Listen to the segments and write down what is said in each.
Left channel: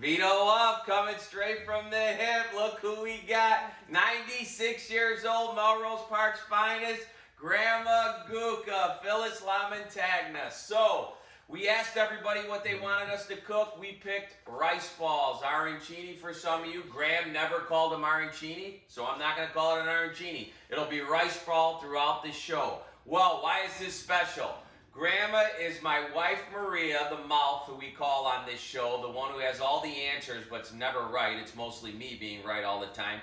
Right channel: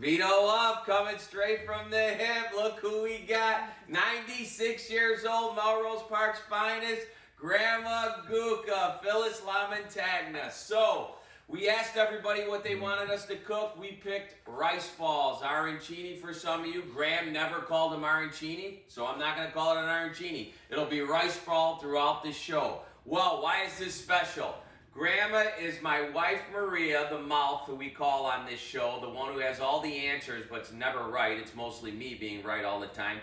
Vino Up, coming straight from the hip. Look who we got. 96 years old, Melrose Park's finest, Grandma Cuca, Phyllis Lamontagna. So, we asked everybody what they wanted us to cook. We picked rice balls, arancini for some of you. Graham never called them arancini, so I'm not going to call it an arancini. It'll be rice ball throughout this show. Well, why is this special? Grandma is my wife Maria, the mouth, who we call on this show, the one who has all the answers, but it's never right. It's mostly me being right all the time.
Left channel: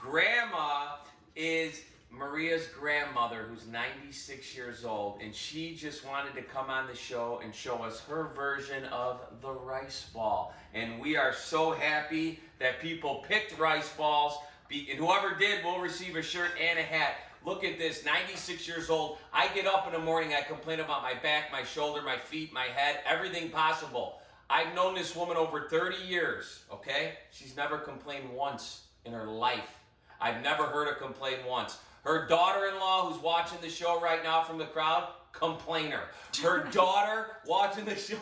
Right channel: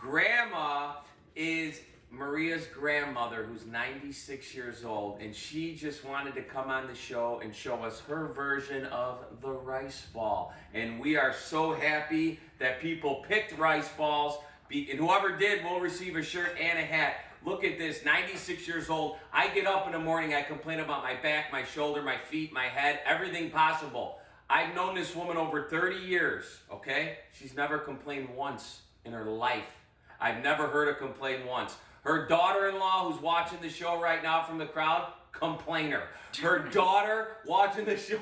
Grandma is Maria's grandmother, who's 96 years old, and she just wanted to come on the show and show us her version of the rice ball. And we are so happy that people picked rice balls, and whoever did will receive a shirt and a hat. Look at this, 96 years old. I get up in the morning, I complain about my back, my shoulder, my feet, my head, everything possible. I've known this woman over 30 years, okay? She's never complained once in her life. I've never heard her complain once. Her daughter-in-law, who's watching the show right now from the crowd, complainer. Her daughter watching the show,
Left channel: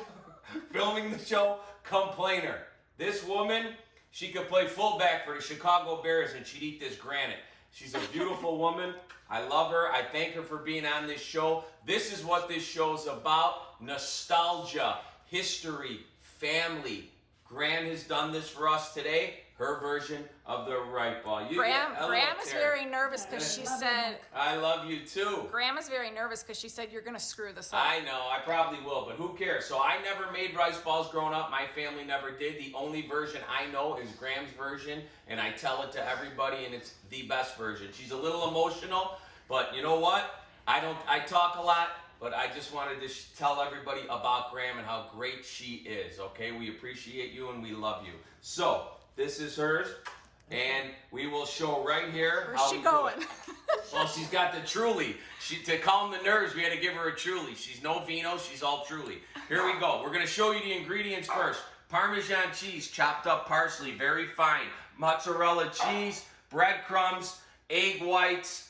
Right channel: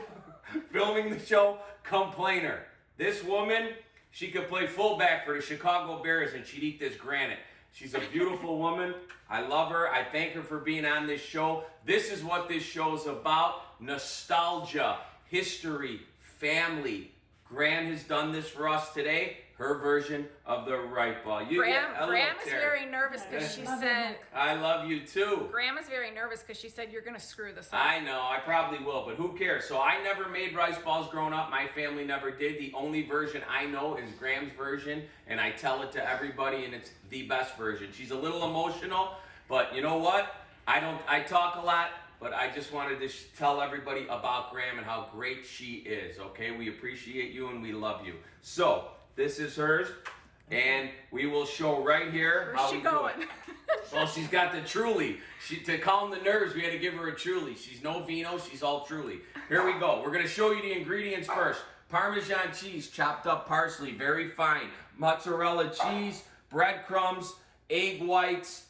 filming the show, complainer. This woman, she could play fullback for the Chicago Bears and she'd eat this granite. She's a beautiful woman. I love her. I thank her for being on this show. This is what this show's about. Nostalgia, history, family. Graham has done this for us today. Her version of the right ball. Graham is very nervous because she said... I love you too. Graham is very nervous because she said you're going to screw this up. I know, I probably will, but who cares? So I never made rice balls growing up. My family never did. The only version I know is Graham's version, and I tell it to everybody, and it's the best version. She's a little emotional, but you know what? I talk a lot, but I just wanted to tell everybody about Graham and how great she is, okay? We appreciate you and we love you. So, this is hers, and we will show right here how we do it. Well, she's got the Truly. To calm the nerves, we had to give her a Truly. She's no vino, she's all Truly. Here we go. We're going to show you the ingredients first. Parmesan cheese, chopped up parsley, very fine. Mozzarella cheese, breadcrumbs, egg whites.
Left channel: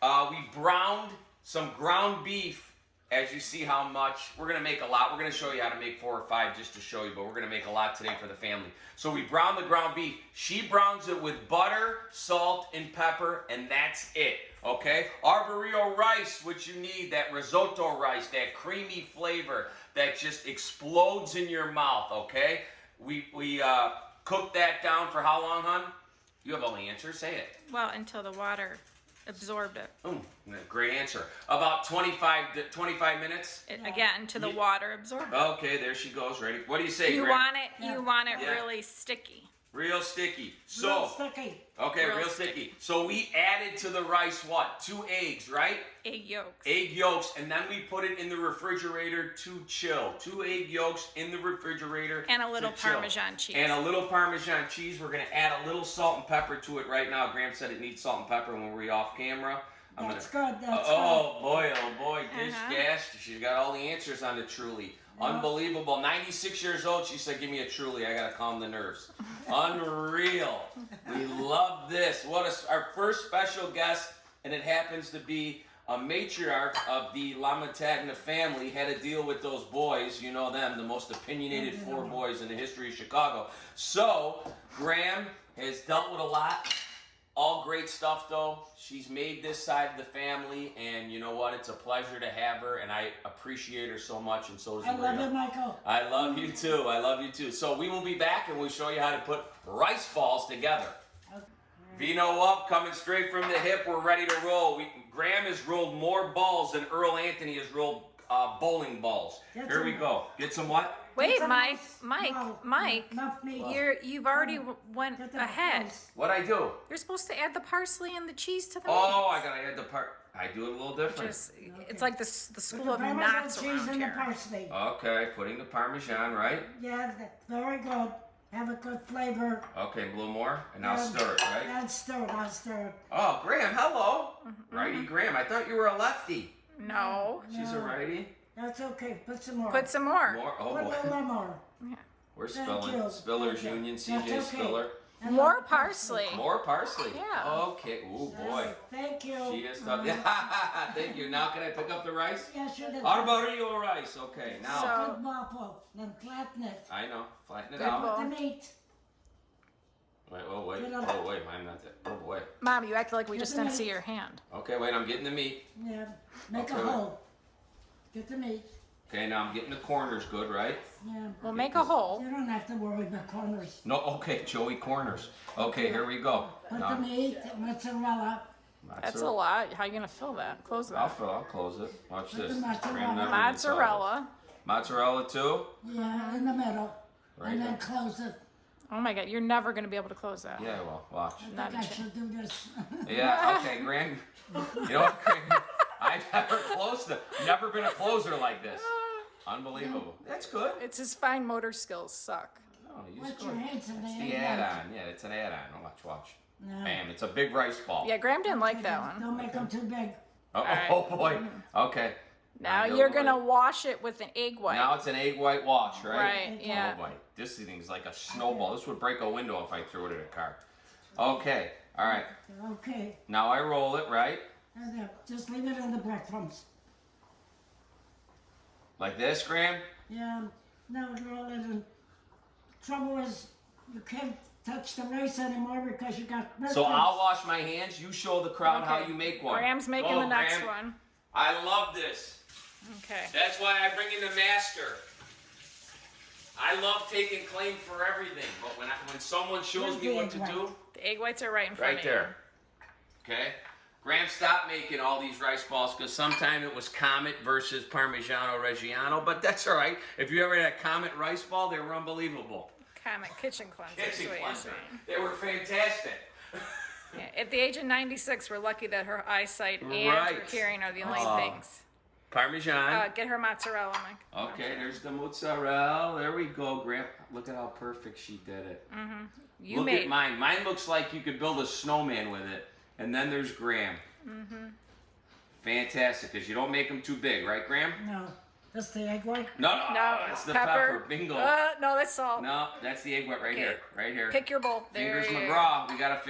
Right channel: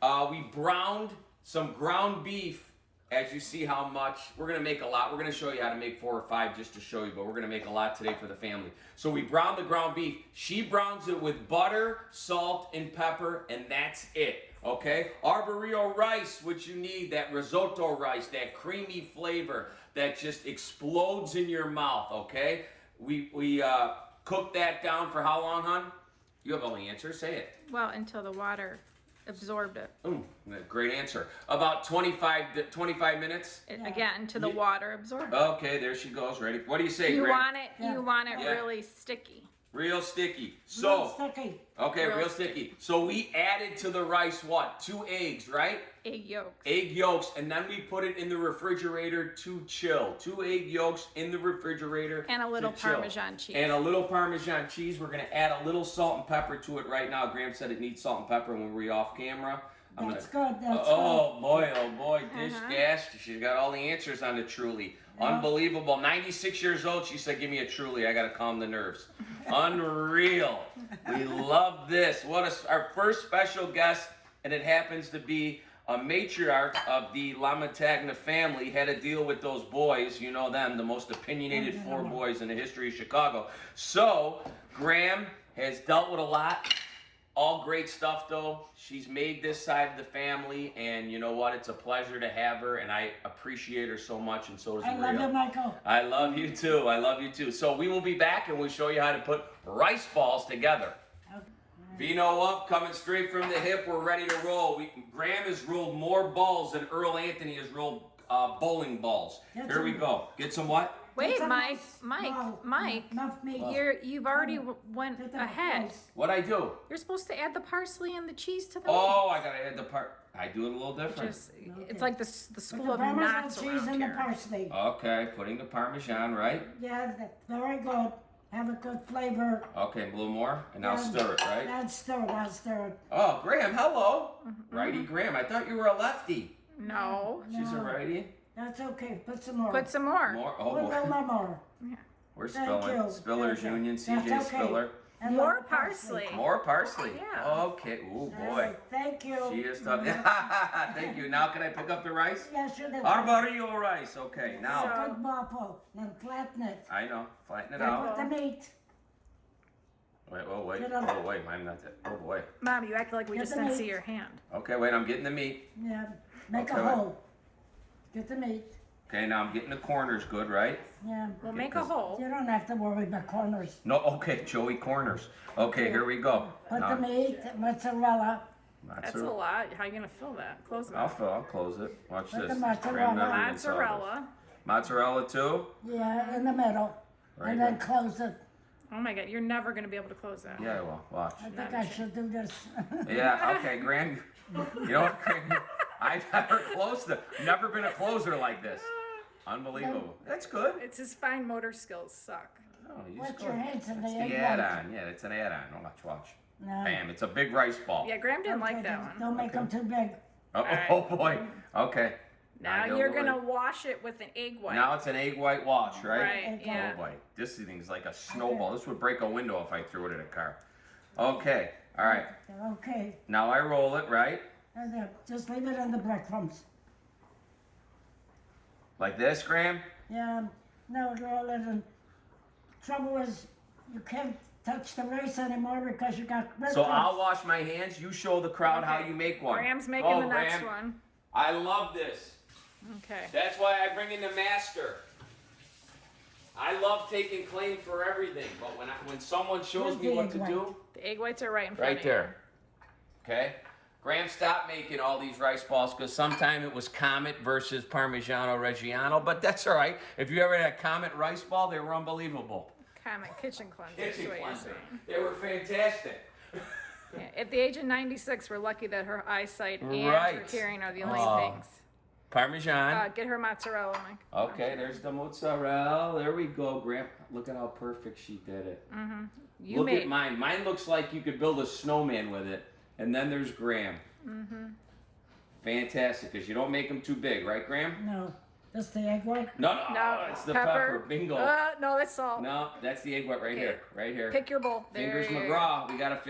We browned some ground beef. As you see how much, we're going to make a lot. We're going to show you how to make 4 or 5 just to show you, but we're going to make a lot today for the family. So we brown the ground beef. She browns it with butter, salt, and pepper, and that's it, okay? Arborio rice, which you need, that risotto rice, that creamy flavor that just explodes in your mouth, okay? We cook that down for how long, hon? You have all the answers, say it. Well, until the water absorbed it. Great answer. About 25 minutes. Again, to the water absorbed it. Okay, there she goes. Ready? What do you say, You Greg? want it really sticky. Real sticky. So, real sticky. Okay, real sticky. So we added to the rice what? 2 eggs, right? Egg yolks. Egg yolks, and then we put it in the refrigerator to chill. 2 egg yolks in the refrigerator. And a little Parmesan cheese. And a little Parmesan cheese. We're going to add a little salt and pepper to it right now. Graham said it needs salt and pepper when we're off camera. That's good. That's oh boy, Dish Dash. She's got all the answers on the Truly. Unbelievable. 96 years old. She said, give me a Truly. I got to calm the nerves. Unreal. We love this. Our first special guest, and it happens to be a matriarch of the Lamontagna family, had to deal with those boys. You know them, the most opinionated 4 boys in the history of Chicago. So, Graham has dealt with a lot. All great stuff, though. She's made this side of the family, and you know what? It's a pleasure to have her, and I appreciate her so much, and so does Maria. I love you, Michael. I love you, too. I love you, too. So we will be back, and we'll show you how to put rice balls together. Okay. Vino Up, coming straight from the hip. We're ready to roll. Graham has rolled more balls than Earl Anthony has rolled bowling balls. Here we go. Get some what? Wait, Mike, you've already went ahead. What'd I do? You're supposed to add the parsley and the cheese to the I gotta add the I do it a little different. It's like the school of knots around here. Parsley. Okay, putting the Parmesan, right? Yeah, that's very good. Have a good flavor. Okay, a little more, and now stir it, right? I'll stir it. Oh, Graham, hello. Righty Graham, I thought you were a lefty. No. She's a righty. That's okay. Put some more. Put some more. Oh, Put a little more. Yeah. We're spilling. Spillers Union, CJ okay. Spiller. And more parsley. More parsley. Yeah. Okay. Ooh, boy. Thank you. She is tough. Thank you. Now can I pick up the rice? Yes, you did. Arborio rice. Okay, now. Good waffle. Then flatten it. I know. Flatten it Then out. put the meat. Wait, oh wait, Get 'em. oh wait, I'm not that. Oh boy. Mom, you acted like we Get just the didn't meat. see your hand. Okay, wait, I'm getting the meat. Yeah, make Okay, a wait. hole. Get the meat. Okay, now I'm getting the corners good, right? Yeah. We'll Get make a this- hole. You don't have to worry about corners. No, okay, Joey corners. Okay, here we go. Put Now, the meat, mozzarella. That's a lot. How are you gonna fill that? Close I'll that. I'll close it. Watch Put this. the mozzarella. Graham never even saw this. Mozzarella. Mozzarella too? Yeah, in the middle. Right And then here. close it. Oh my God, you're never gonna be able to close that. Yeah, well, watch. I Not think a I chance. should do this. Yeah, okay, Graham. You know what, Graham? I never closed it. Never been a closer like this. Unbelievable. That's good. It's his fine motor skills suck. Oh, you Put just your go. hands in the The egg add-on. Yeah, it's an add-on. Watch. No. Bam, it's a big rice ball. Yeah, Graham didn't like that one. Don't make them too big. Oh, Alright. oh boy. Okay. Now Don't you're worry. gonna wash it with an egg white. Now it's an egg white wash, right? Right, yeah. Oh boy, this thing's like a snowball. This would break a window if I threw it in a car. Okay, all right. Okay. Now I roll it, right? And then just leave it in the breadcrumbs. Like this, Graham? Yeah. No, roll it in. Trouble is, you can't touch the rice anymore because you got breadcrumbs. So I'll wash my hands. You show the crowd how Okay. you make one. Graham's making Go, the next Graham. one. I love this. Okay. That's why I bring in the master. I love taking claim for everything, but when someone shows Where's me the what egg to white? do, The egg whites are right in front right of there. Okay? Graham stopped making all these rice balls because sometime it was Comet versus Parmigiano Reggiano, but that's all right. If you ever had a Comet rice ball, they were unbelievable. you. Comet kitchen cleanser is Kitchen what you're cleanser. saying. They were fantastic. Yeah, at the age of 96, we're lucky that her eyesight and her Right. hearing are the only Oh. things. Parmesan. Get her mozzarella, Mike. Okay, there's the mozzarella. There we go, Graham. Look at how perfect she did it. You Look made. at mine. Mine looks like you could build a snowman with it. And then there's Graham. Fantastic, because you don't make them too big, right, Graham? No. Just the egg white. No, No, it's the pepper. Bingo. No, that's salt. No, that's the egg white right Okay. here. Right here. Pick your bowl. There Fingers you go. McGraw. We gotta.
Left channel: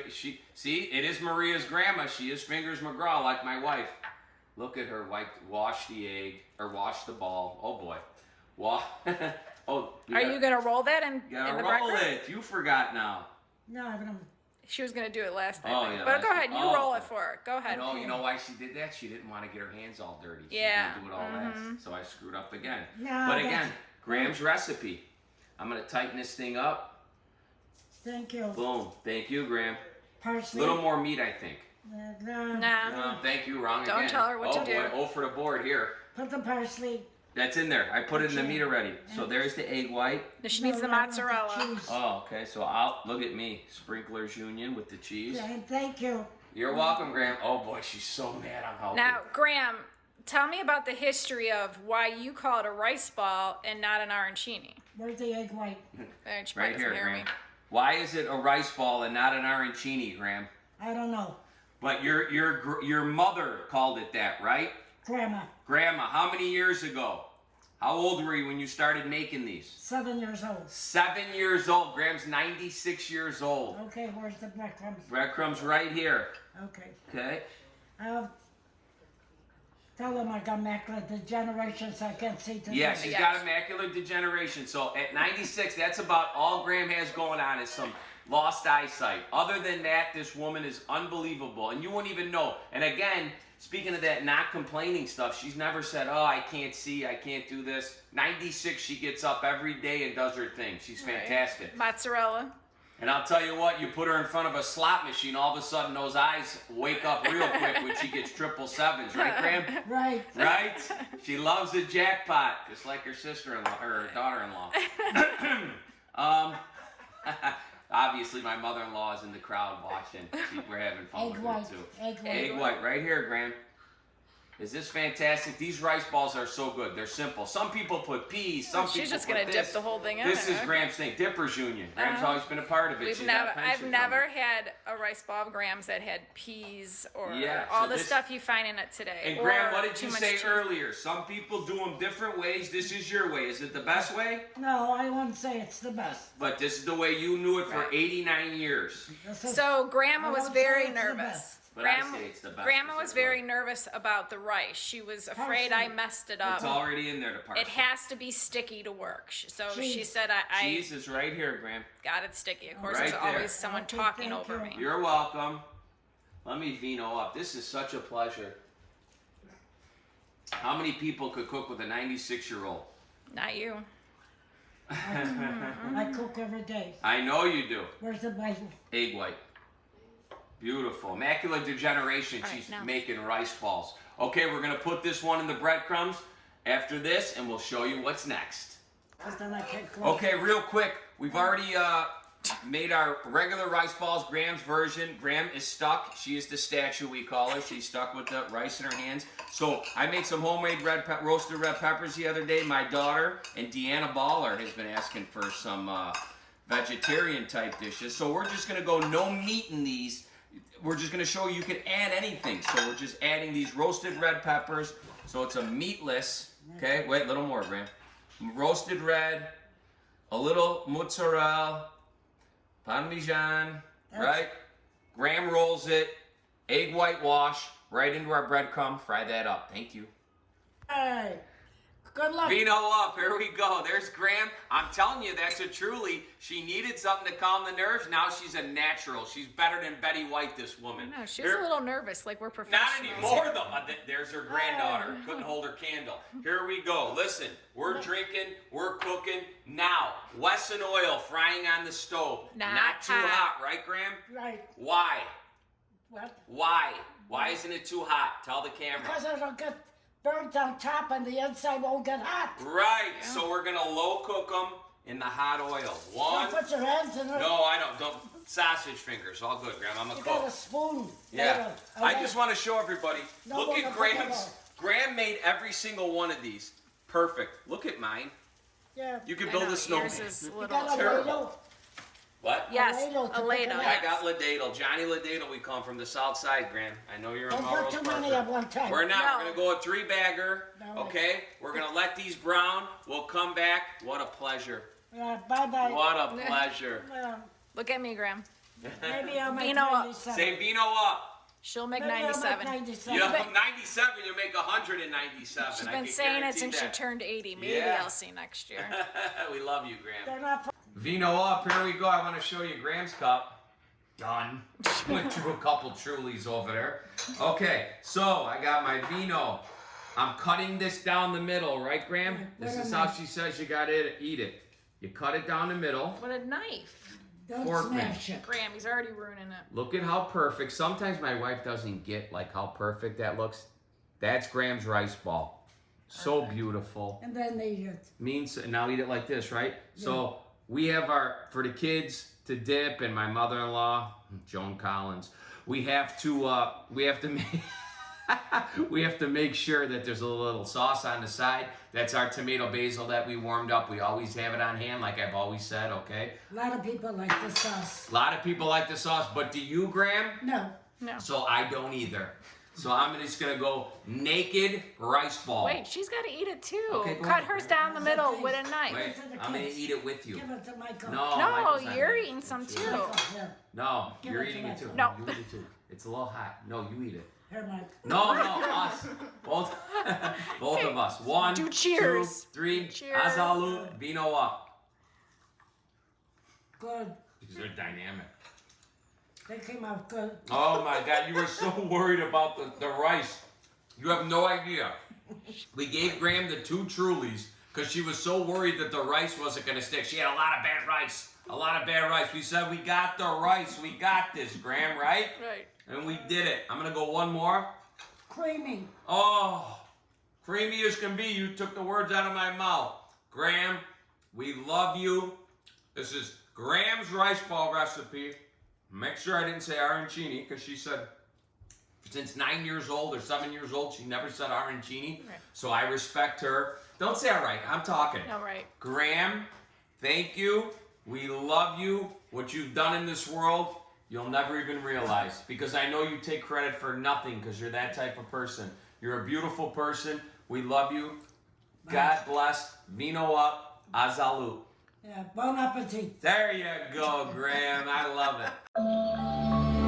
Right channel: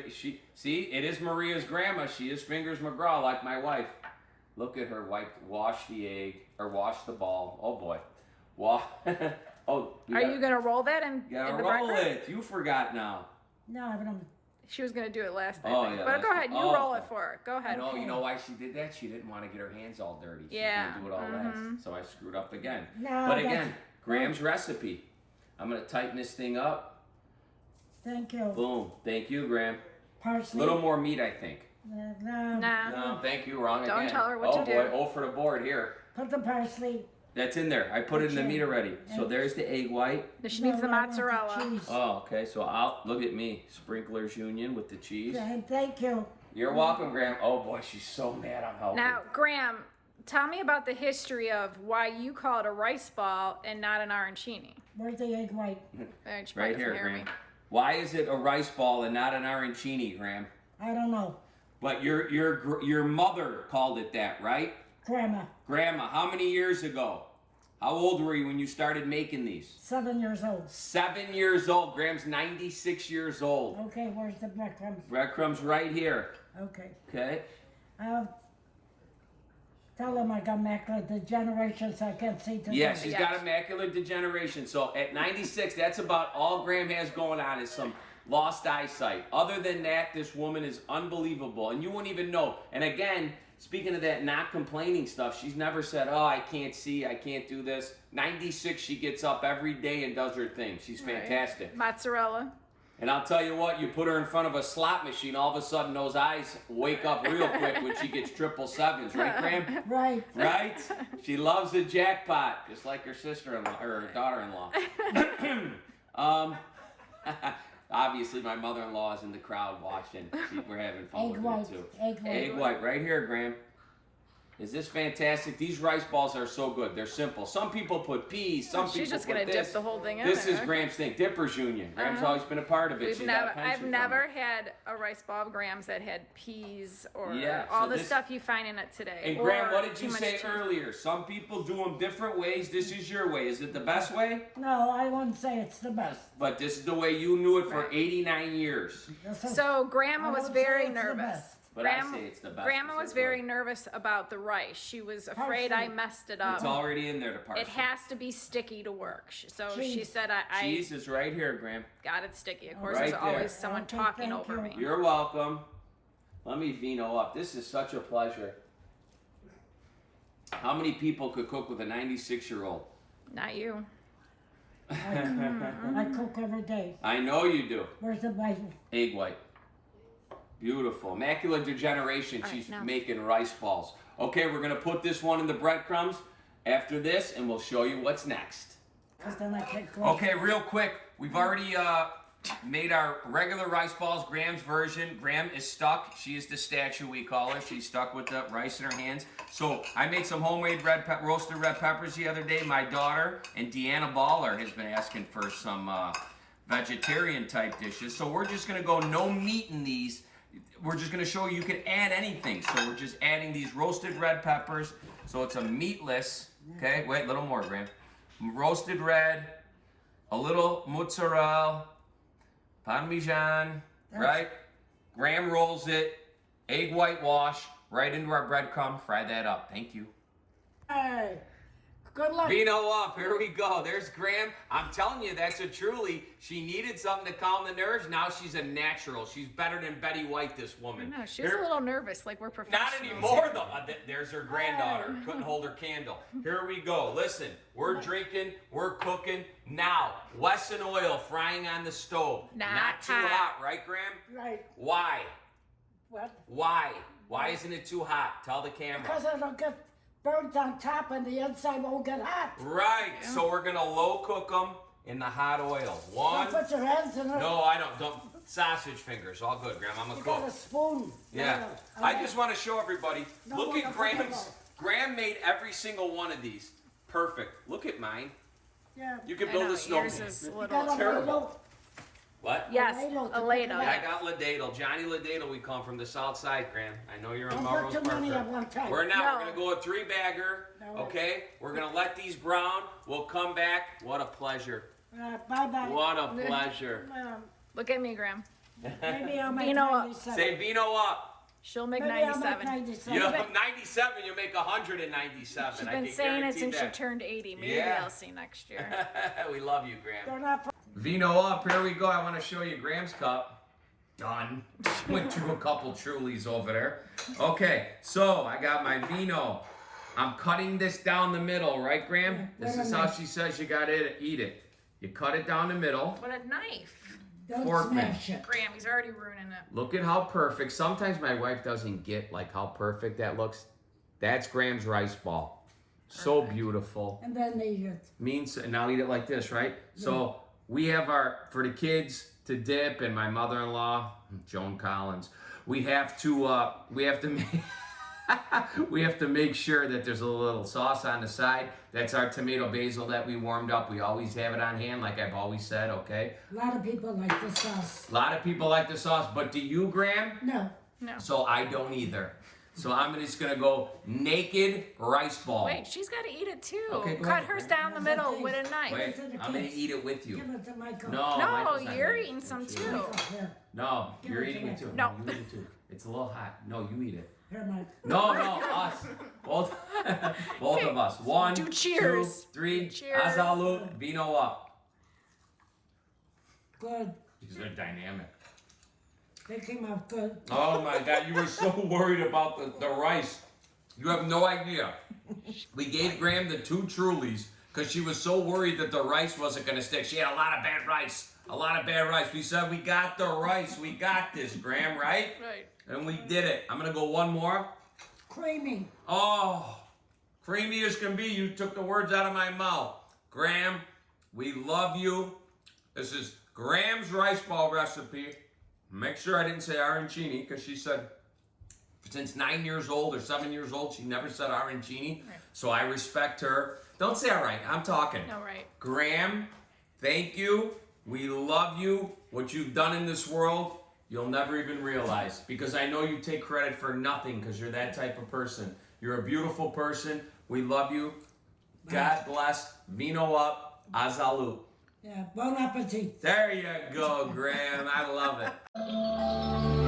See, it is Maria's grandma. She is Fingers McGraw, like my wife. Look at her. Wash the egg or wash the ball. Oh boy. Oh. Are you gonna roll that in You gotta the roll breadcrumb? it. You forgot now. No, but I'm. She was gonna do it last time. Oh, I think. yeah, But go last ahead, time. you Oh, roll okay. it for her. Go ahead. No, you know why she did that? She didn't want to get her hands all dirty. She Yeah. was gonna do it all last. So I screwed up again. No, But that's- again, Graham's recipe. I'm gonna tighten this thing up. Thank you. Boom. Thank you, Graham. A Parsley. little more meat, I think. No. Nah. Thank you. Wrong Don't again. tell her what oh to do. boy, 0 for the board here. Put the parsley. That's in there. I put it in the Okay. meat already. So there's the egg white. She needs the No, I want mozzarella. cheese. Oh, okay. So I'll look at me, Sprinklers Union with the cheese. And thank you. You're welcome, Graham. Oh boy, she's so mad I'm helping. Now, Graham, tell me about the history of why you call it a rice ball and not an arancini. Where's the egg white? She right probably here, doesn't hear Graham. me. Why is it a rice ball and not an arancini, Graham? I don't know. But your mother called it that, right? Grandma. Grandma, how many years ago? How old were you when you started making these? 7 years old. 7 years old. Graham's 96 years old. Okay, where's the breadcrumbs? Breadcrumbs right here. Okay. Okay. I'll tell them I got macular degeneration so I can't see to Yeah, the- she's Yeah. got a macular degeneration. So at 96, that's about all Graham has going on is some lost eyesight. Other than that, this woman is unbelievable. And you won't even know. And again, speaking of that not complaining stuff, she's never said, oh, I can't see, I can't do this. 96, she gets up every day and does her thing. She's Right. fantastic. Mozzarella. And I'll tell you what, you put her in front of a slot machine, all of a sudden those eyes wake up real quick when she gets 777s, right, Graham? Right. Right? She loves the jackpot, just like her sister-in-law, or her daughter-in-law. Obviously, my mother-in-law is in the crowd watching. We're having fun Egg with white. it, too. Egg white. Egg white, right here, Graham. Is this fantastic? These rice balls are so good. They're simple. Some people put peas. Some people She's just put gonna this. dip the whole thing in This there. is Graham's thing. Dippers Union. Graham's Uh-huh. always been a part of it. She's got a pension I've from never it. had a rice ball of Graham's that had peas or Yeah, all so the this- stuff you find in it today. And or Graham, what did too you much say cheese. earlier? Some people do them different ways. This is your way. Is it the best way? No, I wouldn't say it's the best. But this is the way you knew it for Right. 89 years. This is- So Grandma I was won't say very it's the nervous. best. but I say it's the best. Grandma was very nervous about the rice. She was afraid I messed it up. It's already in there, the parsley. It has to be sticky to work. So she Cheese. said I Cheese is right here, Graham. got it sticky. Of course, Right there's there. always someone Okay, talking thank over you. me. You're welcome. Let me Vino up. This is such a pleasure. How many people could cook with a 96-year-old? Not you. I cook every day. I know you do. Where's the Bible? Egg white. Beautiful. Macular degeneration. All right, She's now. making rice balls. Okay, we're going to put this one in the breadcrumbs after this, and we'll show you what's next. Because then I can't cook. Okay, real quick. We've already made our regular rice balls, Graham's version. Graham is stuck. She is the statue, we call her. She's stuck with the rice in her hands. So I made some homemade roasted red peppers the other day. My daughter and Deanna Baller has been asking for some vegetarian type dishes. So we're just going to go no meat in these. We're just going to show you can add anything. So we're just adding these roasted red peppers. So it's a meatless. Okay, wait, a little more, Graham. Roasted red, a little mozzarella, Parmesan, right? Graham rolls it, egg whitewash, right into our breadcrumb. Fry that up. Thank you. Hey, good luck. Vino up. Here we go. There's Graham. I'm telling you, that's a truly. She needed something to calm the nerves. Now she's a natural. She's better than Betty White, this woman. No, she was a little nervous, like we're Not professionals. anymore, though. There's her granddaughter. Couldn't hold her candle. Here we go. Listen, we're drinking, we're cooking. Now, Wesson oil frying on the stove. Not too hot. hot, right, Graham? Right. Why? What? Why? Why isn't it too hot? Tell the camera. Because it'll get burnt on top and the inside won't get hot. Right. So we're gonna low cook them in the hot oil. One. Don't put your hands in it. No, I don't. Don't. Sausage fingers. All good, Graham. I'm a You cook. got a spoon. Yeah. Okay. I just want to show everybody. No, Look look at at the Graham's. photo. Graham made every single one of these. Perfect. Look at mine. Yeah. You could I build know, a snowman. yours is a You little got a terrible. ladle. What? Yes, ladle to a put ladle, it in. I yes. got Ladadle. Johnny Ladadle, we come from the south side, Graham. I know you're a Don't put Melrose too many Parker. at one time. We're not. No. We're going to go a three-bagger, No. okay? We're going to let these brown. We'll come back. What a pleasure. Yeah, bye-bye. What a pleasure. Well, Look at me, Graham. maybe I'll make Vino Up. 97. Say Vino up. She'll make Maybe I'll make 97. 97. You know, 97, you make 197. She's I been can saying it guarantee since she that. turned 80. Maybe Yeah. I'll see next year. We love you, Graham. They're not Vino up. Here we go. I want to show you Graham's cup. Done. Went through a couple Trulies over there. Okay, so I got my Vino. I'm cutting this down the middle, right, Graham? This Wait a is how minute. she says you got to eat it. You cut it down the middle. What a knife. Don't Forkman. smash it. Graham, he's already ruining it. Look at how perfect. Sometimes my wife doesn't get like how perfect that looks. That's Graham's rice ball. So beautiful. And then they eat it. Means now eat it like this, right? So we have our for the kids to dip, and my mother-in-law, Joan Collins. We have to make we have to make sure that there's a little sauce on the side. That's our tomato basil that we warmed up. We always have it on hand, like I've always said. Okay. A lot of people like the sauce. A lot of people like the sauce, but do you, Graham? No. No. So I don't either. So I'm just gonna go naked rice ball. Wait, she's got to eat it too. Okay, go Cut ahead. hers down the middle with a knife. Wait, to the I'm gonna kids. eat it with you. Give it to Michael. No, No, Michael's not you're gonna eating eat some it. too. Michael, here. No, Give you're it to eating it Michael. too. No. You eat it too. It's a little hot. No, you eat it. Here, Mike. No, us. Both, both of us. One, Do cheers. 2, 3. Cheers. Azalu, Vino up. Good. These are dynamic. They came out good. Oh my God, you were so worried about the rice. You have no idea. We gave Graham the 2 Trulies because she was so worried that the rice wasn't going to stick. She had a lot of bad rice. A lot of bad rice. We said, we got the rice. We got this, Graham, right? Right. And we did it. I'm going to go one more. Creamy. Oh, creamy as can be. You took the words out of my mouth. Graham, we love you. This is Graham's rice ball recipe. Make sure I didn't say arancini because she said since 9 years old or 7 years old, she never said arancini. Right. So I respect her. Don't say all right. I'm talking. All right. Graham, thank you. We love you. What you've done in this world, you'll never even realize because I know you take credit for nothing because you're that type of person. You're a beautiful person. We love you. God bless. Vino up. Azalu. Yeah, bon appetit. There you go, Graham. I love it.